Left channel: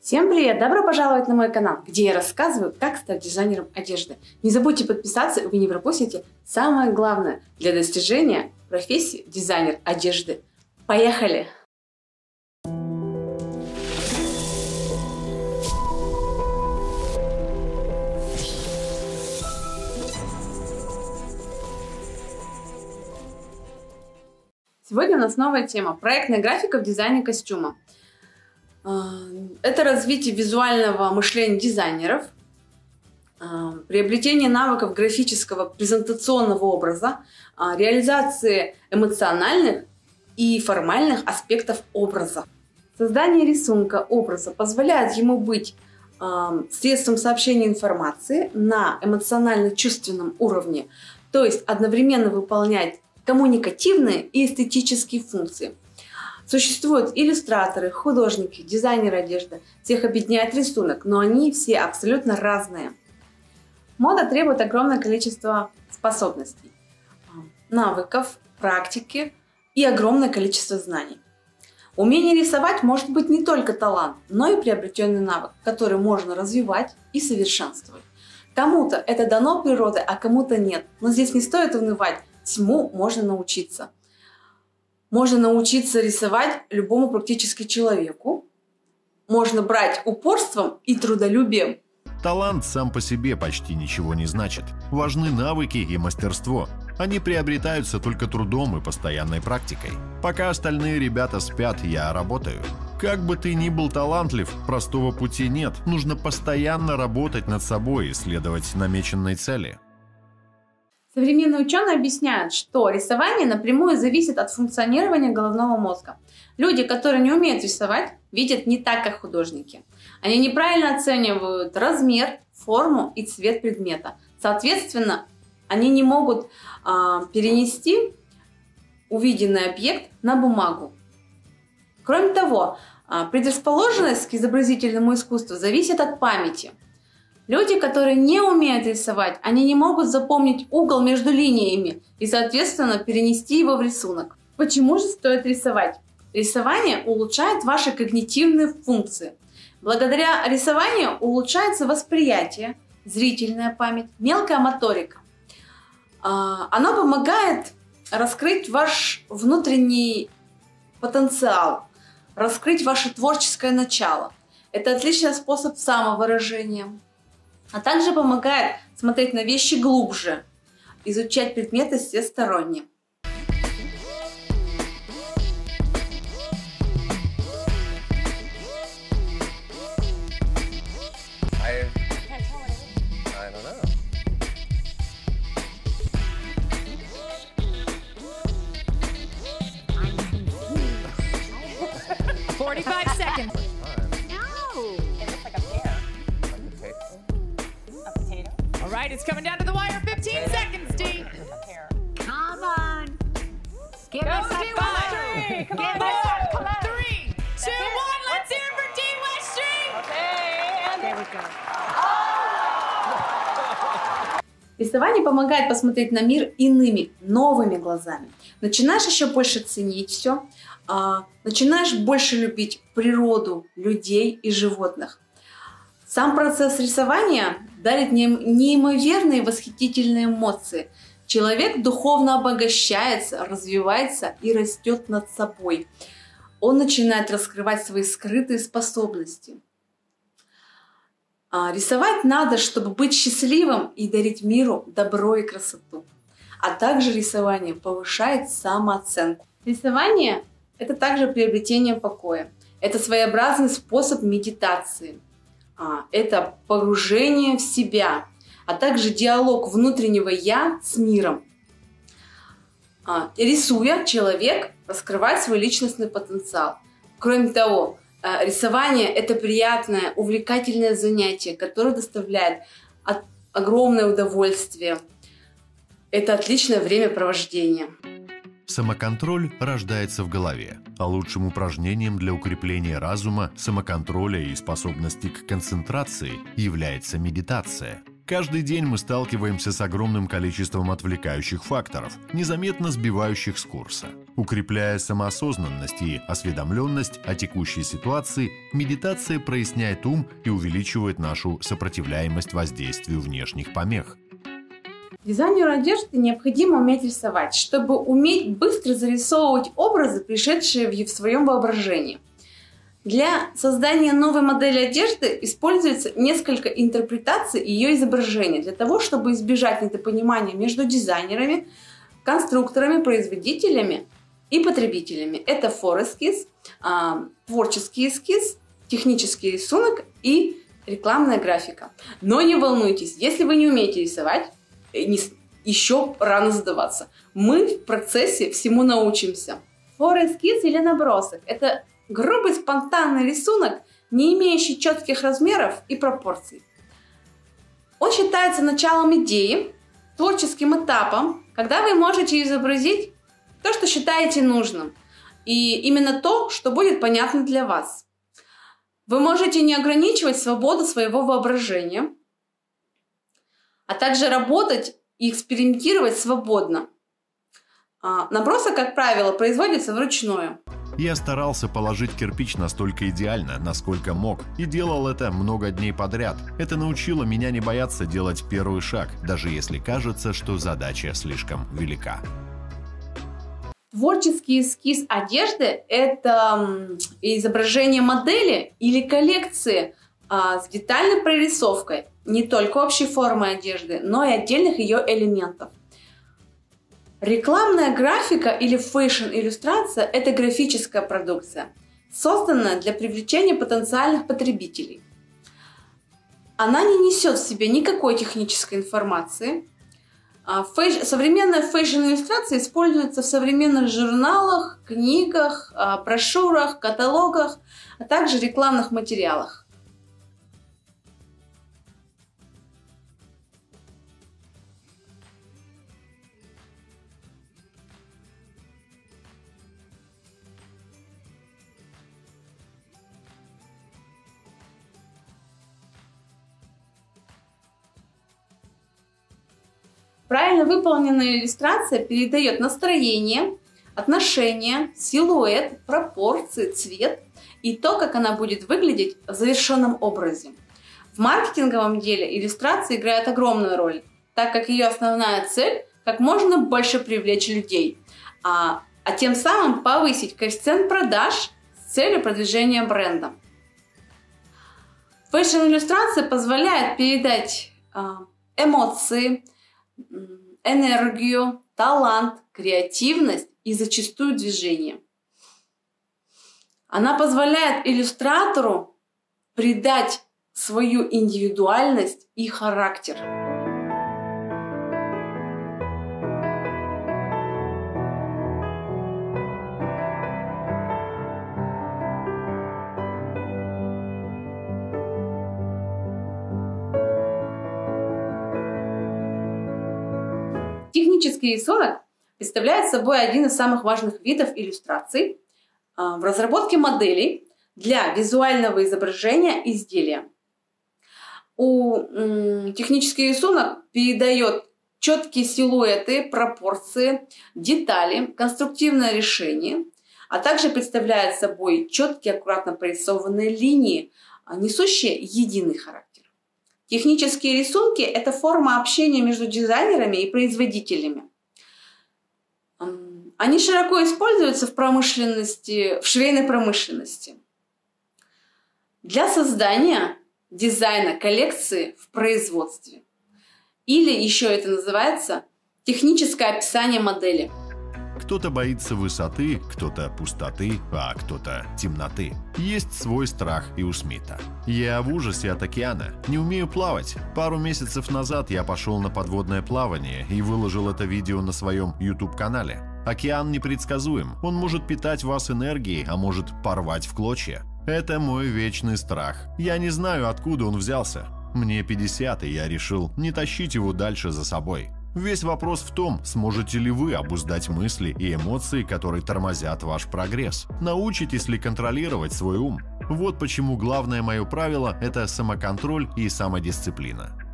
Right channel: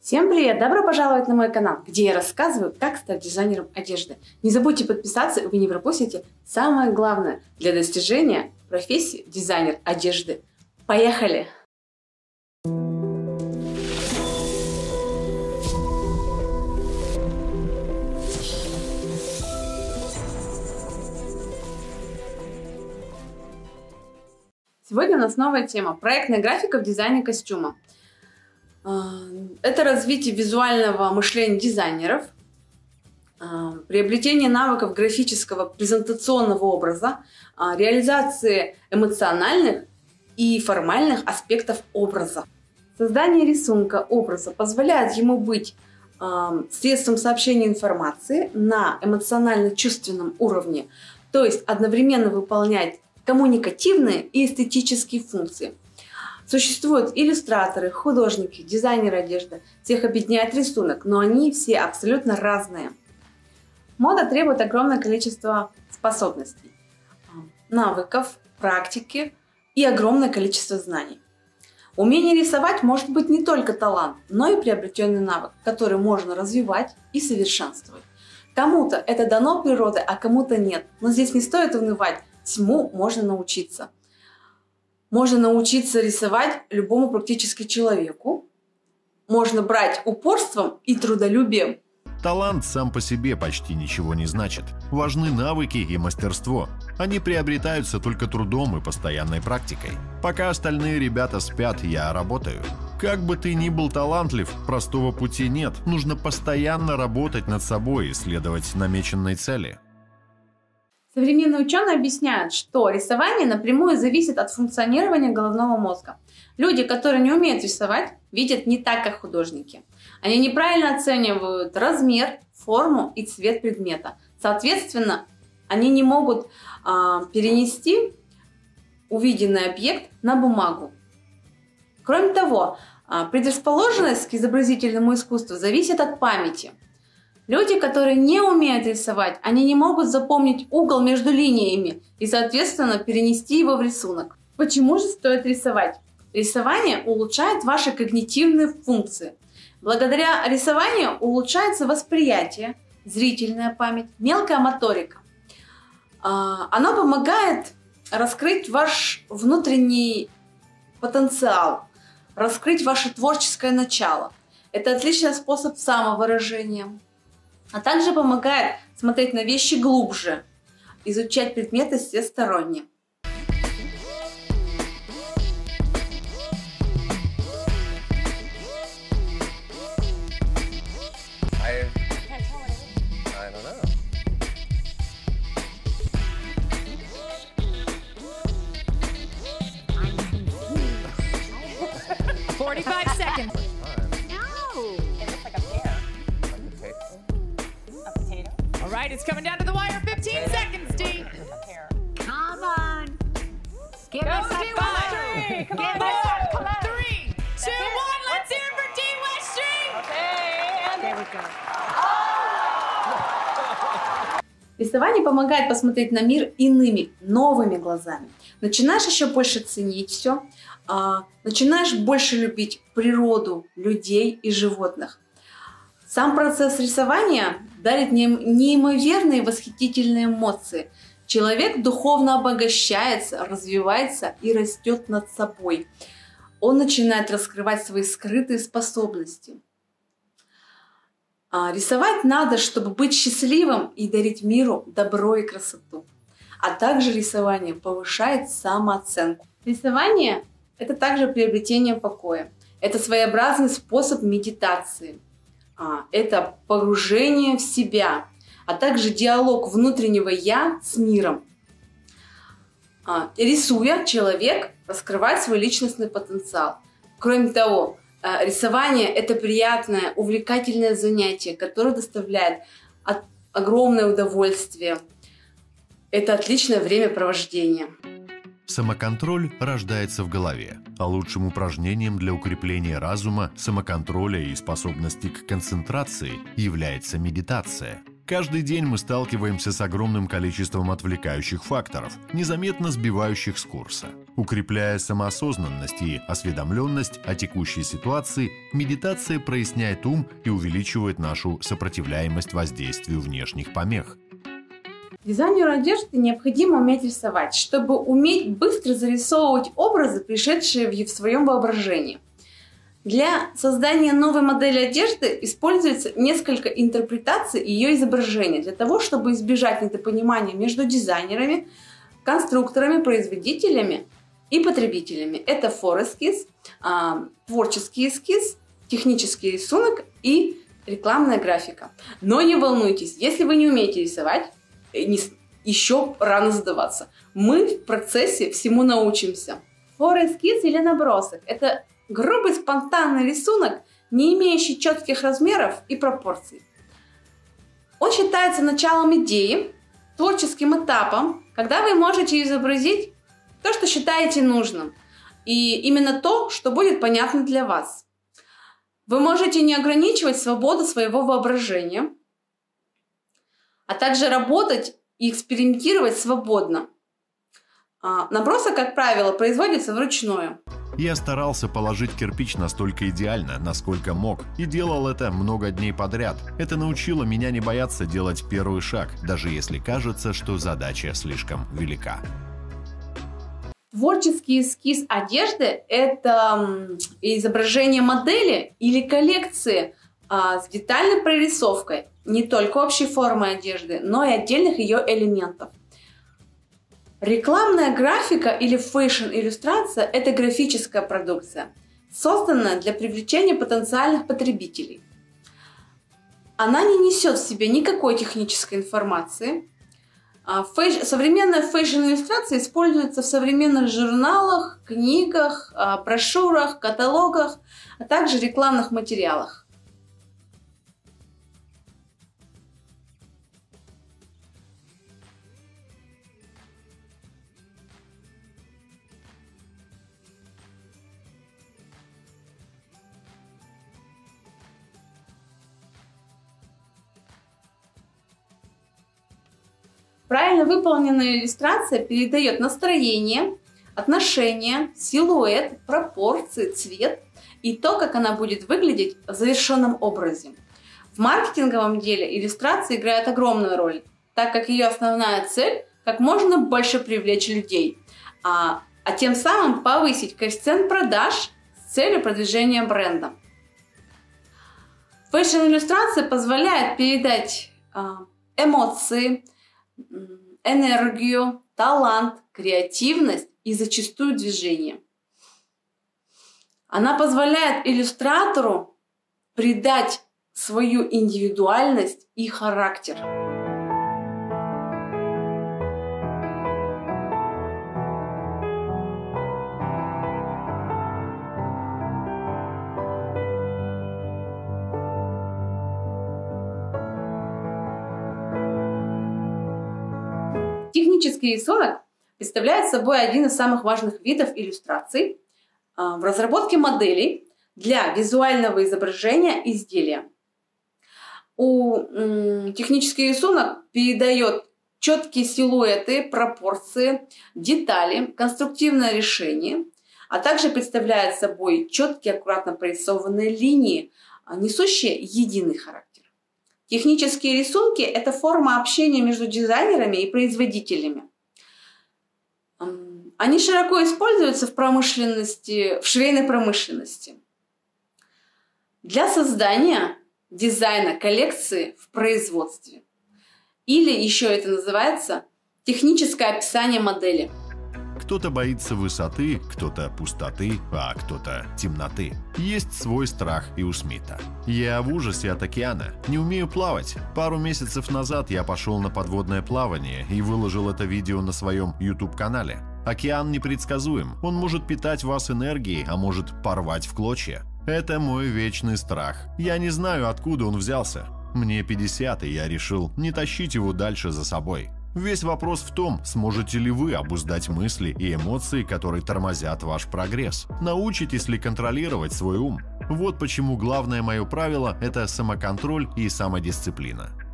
Всем привет! Добро пожаловать на мой канал, где я рассказываю, как стать дизайнером одежды. Не забудьте подписаться, вы не пропустите самое главное для достижения профессии дизайнер одежды. Поехали! Сегодня у нас новая тема – проектная графика в дизайне костюма. Это развитие визуального мышления дизайнеров, приобретение навыков графического презентационного образа, реализации эмоциональных и формальных аспектов образа. Создание рисунка образа позволяет ему быть средством сообщения информации на эмоционально-чувственном уровне, то есть одновременно выполнять коммуникативные и эстетические функции. Существуют иллюстраторы, художники, дизайнеры одежды. Всех объединяет рисунок, но они все абсолютно разные. Мода требует огромное количество способностей, навыков, практики и огромное количество знаний. Умение рисовать может быть не только талант, но и приобретенный навык, который можно развивать и совершенствовать. Кому-то это дано природой, а кому-то нет. Но здесь не стоит унывать, всему можно научиться. Можно научиться рисовать любому практически человеку. Можно брать упорством и трудолюбием. Талант сам по себе почти ничего не значит. Важны навыки и мастерство. Они приобретаются только трудом и постоянной практикой. Пока остальные ребята спят, я работаю. Как бы ты ни был талантлив, простого пути нет. Нужно постоянно работать над собой и следовать намеченной цели. Современные ученые объясняют, что рисование напрямую зависит от функционирования головного мозга. Люди, которые не умеют рисовать, видят не так, как художники. Они неправильно оценивают размер, форму и цвет предмета. Соответственно, они не могут перенести увиденный объект на бумагу. Кроме того, предрасположенность к изобразительному искусству зависит от памяти. Люди, которые не умеют рисовать, они не могут запомнить угол между линиями и, соответственно, перенести его в рисунок. Почему же стоит рисовать? Рисование улучшает ваши когнитивные функции. Благодаря рисованию улучшается восприятие, зрительная память, мелкая моторика. Оно помогает раскрыть ваш внутренний потенциал, раскрыть ваше творческое начало. Это отличный способ самовыражения. А также помогает смотреть на вещи глубже, изучать предметы всесторонне. All right, it's coming down to the wire. 15 seconds, D. Come on. Give Go, us D. a five. Come Give on. us a 4, come on. 3, 2, 1. Let's hear it for D. Weststreet. Okay, There we go. Рисование помогает посмотреть на мир иными, новыми глазами. Начинаешь еще больше ценить все, начинаешь больше любить природу, людей и животных. Сам процесс рисования дарит неимоверные восхитительные эмоции. Человек духовно обогащается, развивается и растет над собой. Он начинает раскрывать свои скрытые способности. Рисовать надо, чтобы быть счастливым и дарить миру добро и красоту. А также рисование повышает самооценку. Рисование – это также приобретение покоя. Это своеобразный способ медитации. Это погружение в себя, а также диалог внутреннего «я» с миром. Рисуя, человек раскрывает свой личностный потенциал. Кроме того, рисование – это приятное, увлекательное занятие, которое доставляет огромное удовольствие. Это отличное времяпровождение. Самоконтроль рождается в голове, а лучшим упражнением для укрепления разума, самоконтроля и способности к концентрации является медитация. Каждый день мы сталкиваемся с огромным количеством отвлекающих факторов, незаметно сбивающих с курса. Укрепляя самоосознанность и осведомленность о текущей ситуации, медитация проясняет ум и увеличивает нашу сопротивляемость воздействию внешних помех. Дизайнеру одежды необходимо уметь рисовать, чтобы уметь быстро зарисовывать образы, пришедшие в своем воображении. Для создания новой модели одежды используется несколько интерпретаций ее изображения для того, чтобы избежать недопонимания между дизайнерами, конструкторами, производителями и потребителями. Это форескиз, творческий эскиз, технический рисунок и рекламная графика. Но не волнуйтесь, если вы не умеете рисовать, еще рано сдаваться. Мы в процессе всему научимся. Форескиз или набросок – это грубый спонтанный рисунок, не имеющий четких размеров и пропорций. Он считается началом идеи, творческим этапом, когда вы можете изобразить то, что считаете нужным, и именно то, что будет понятно для вас. Вы можете не ограничивать свободу своего воображения, а также работать и экспериментировать свободно. Набросок, как правило, производится вручную. Я старался положить кирпич настолько идеально, насколько мог, и делал это много дней подряд. Это научило меня не бояться делать первый шаг, даже если кажется, что задача слишком велика. Творческий эскиз одежды – это изображение модели или коллекции с детальной прорисовкой не только общей формы одежды, но и отдельных ее элементов. Рекламная графика или фэшн-иллюстрация – это графическая продукция, созданная для привлечения потенциальных потребителей. Она не несет в себе никакой технической информации. Современная фэшн-иллюстрация используется в современных журналах, книгах, брошюрах, каталогах, а также рекламных материалах. Правильно выполненная иллюстрация передает настроение, отношения, силуэт, пропорции, цвет и то, как она будет выглядеть в завершенном образе. В маркетинговом деле иллюстрация играет огромную роль, так как ее основная цель – как можно больше привлечь людей, а тем самым повысить коэффициент продаж с целью продвижения бренда. Фэшн-иллюстрация позволяет передать эмоции, энергию, талант, креативность и зачастую движение. Она позволяет иллюстратору придать свою индивидуальность и характер. Технический рисунок представляет собой один из самых важных видов иллюстраций в разработке моделей для визуального изображения изделия. Технический рисунок передает четкие силуэты, пропорции, детали, конструктивное решение, а также представляет собой четкие, аккуратно прорисованные линии, несущие единый характер. Технические рисунки – это форма общения между дизайнерами и производителями. Они широко используются в промышленности, в швейной промышленности. Для создания дизайна коллекции в производстве. Или еще это называется техническое описание модели. Кто-то боится высоты, кто-то пустоты, а кто-то темноты. Есть свой страх и у Смита. Я в ужасе от океана. Не умею плавать. Пару месяцев назад я пошел на подводное плавание и выложил это видео на своем YouTube-канале. Океан непредсказуем. Он может питать вас энергией, а может порвать в клочья. Это мой вечный страх. Я не знаю, откуда он взялся. Мне 50, и я решил не тащить его дальше за собой. Весь вопрос в том, сможете ли вы обуздать мысли и эмоции, которые тормозят ваш прогресс. Научитесь ли контролировать свой ум? Вот почему главное мое правило – это самоконтроль и самодисциплина.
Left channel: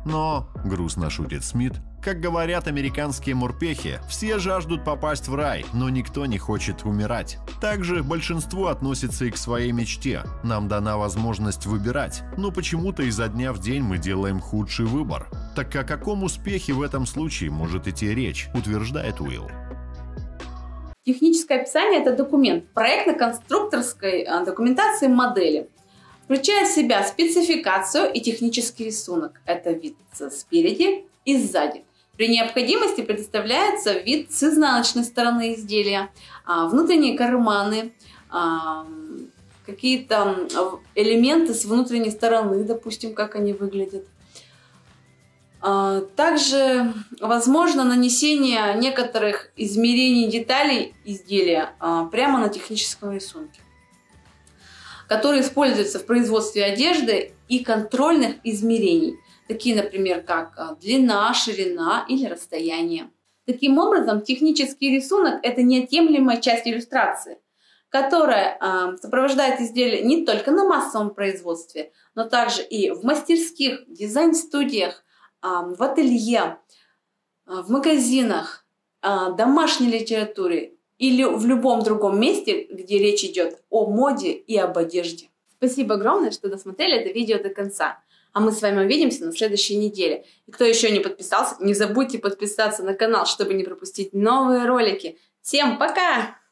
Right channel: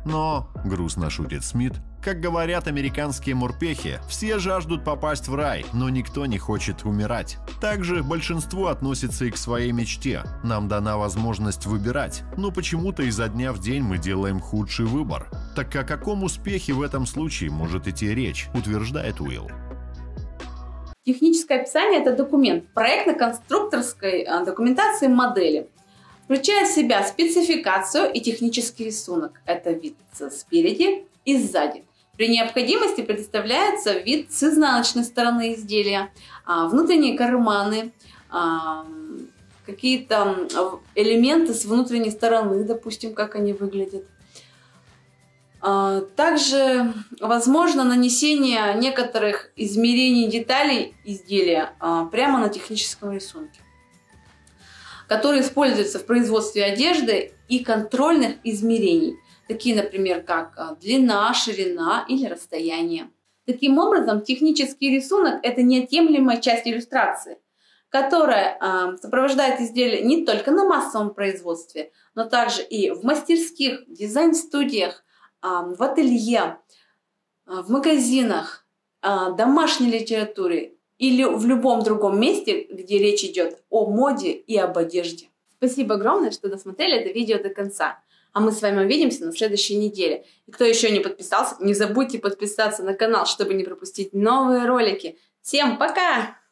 Но, грустно шутит Смит, как говорят американские морпехи, все жаждут попасть в рай, но никто не хочет умирать. Также большинство относится и к своей мечте. Нам дана возможность выбирать, но почему-то изо дня в день мы делаем худший выбор. Так о каком успехе в этом случае может идти речь, утверждает Уилл. Техническое описание – это документ проектно-конструкторской документации модели. Включает в себя спецификацию и технический рисунок. Это вид спереди и сзади. При необходимости предоставляется вид с изнаночной стороны изделия, внутренние карманы, какие-то элементы с внутренней стороны, допустим, как они выглядят. Также возможно нанесение некоторых измерений деталей изделия прямо на техническом рисунке, который используется в производстве одежды и контрольных измерений, такие, например, как длина, ширина или расстояние. Таким образом, технический рисунок – это неотъемлемая часть иллюстрации, которая сопровождает изделие не только на массовом производстве, но также и в мастерских, дизайн-студиях, в ателье, в магазинах, домашней литературе или в любом другом месте, где речь идет о моде и об одежде. Спасибо огромное, что досмотрели это видео до конца. А мы с вами увидимся на следующей неделе. И кто еще не подписался, не забудьте подписаться на канал, чтобы не пропустить новые ролики. Всем пока!